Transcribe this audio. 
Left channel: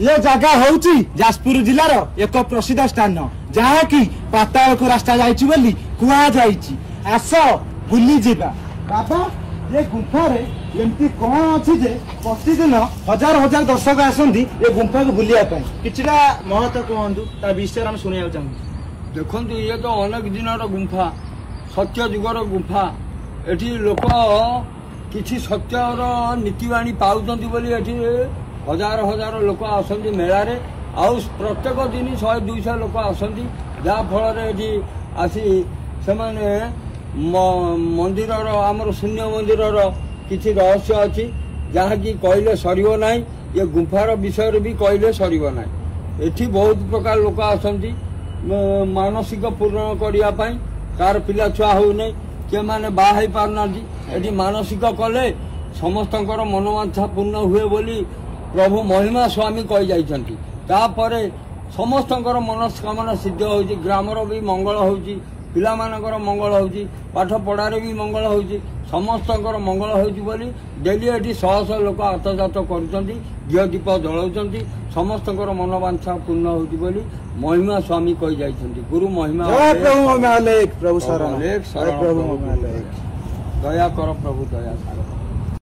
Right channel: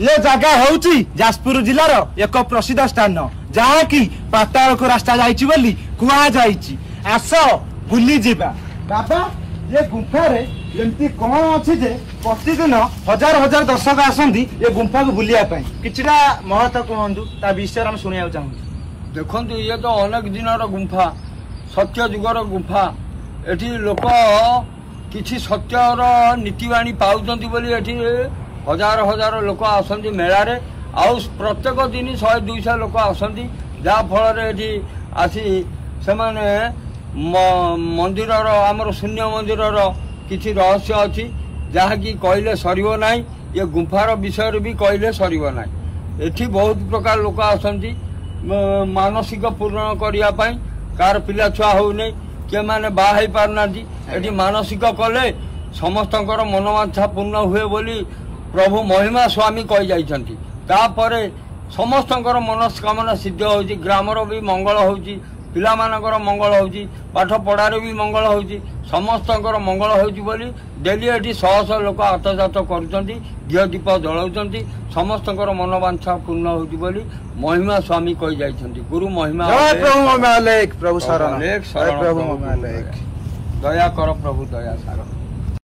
ये जगह होउची जाजपुर जिलार एक प्रसिद्ध स्थान जहाँकि पाताल को रास्ता जाइछि बोली कुआ जाइछि। आस बुली जिबा। बाबा ये गुंफा रे एमती कौन अच्छी जे प्रतिदिन हजार हजार दर्शक आसंती ये गुंफा को बुलिया पाई किछरा महत्व कहंतु ता विषय हम सुनिया चाहू। देखंतु ये तो अनेक दिनर गुंफा सत्य जुगर गुंफा एठी लोक किछि सत्यर नीतिवाणी पाउछंती बोली एठी हजार हजार लोक आसंती मेला रे आउ प्रत्येक दिन 100-200 लोक आसंती जा फल एठी आसी से माने मंदिर आमर शून्य मंदिर किसी रहस्य अच्छी जहाँकि कहले सरिबो नाही। ये गुंफार विषय भी कहले सरिबो नाही। एठी बहुत प्रकार लोक आसंती मानसिक पूर्ण करिया पई कार पिला छुआ हो नहीं के माने बाहै पारना एठी मानसिक कले समस्तंकर मनोवांछा पूर्ण हुए बोली प्रभु महिमा स्वामी कहि जाइछंती। तापरे समस्तंकर मनस्कामना सिद्ध होउची ग्रामर भी मंगल होउची पिला मानकर मंगल होउची पाठ पढ़ारे भी मंगल होउची समस्तंकर मंगल होउची बोली डेली एठी 100 लोक आतजात करूचंती घिओ दीप जलाउचंती समस्तंकर मनोवांछा पूर्ण होउची बोली महिमा स्वामी कहि जाइछंती। गुरु महिमा प्रभु महिमा लेख प्रभु शरण लेख शरण प्रभु दया कर प्रभु दया सागर।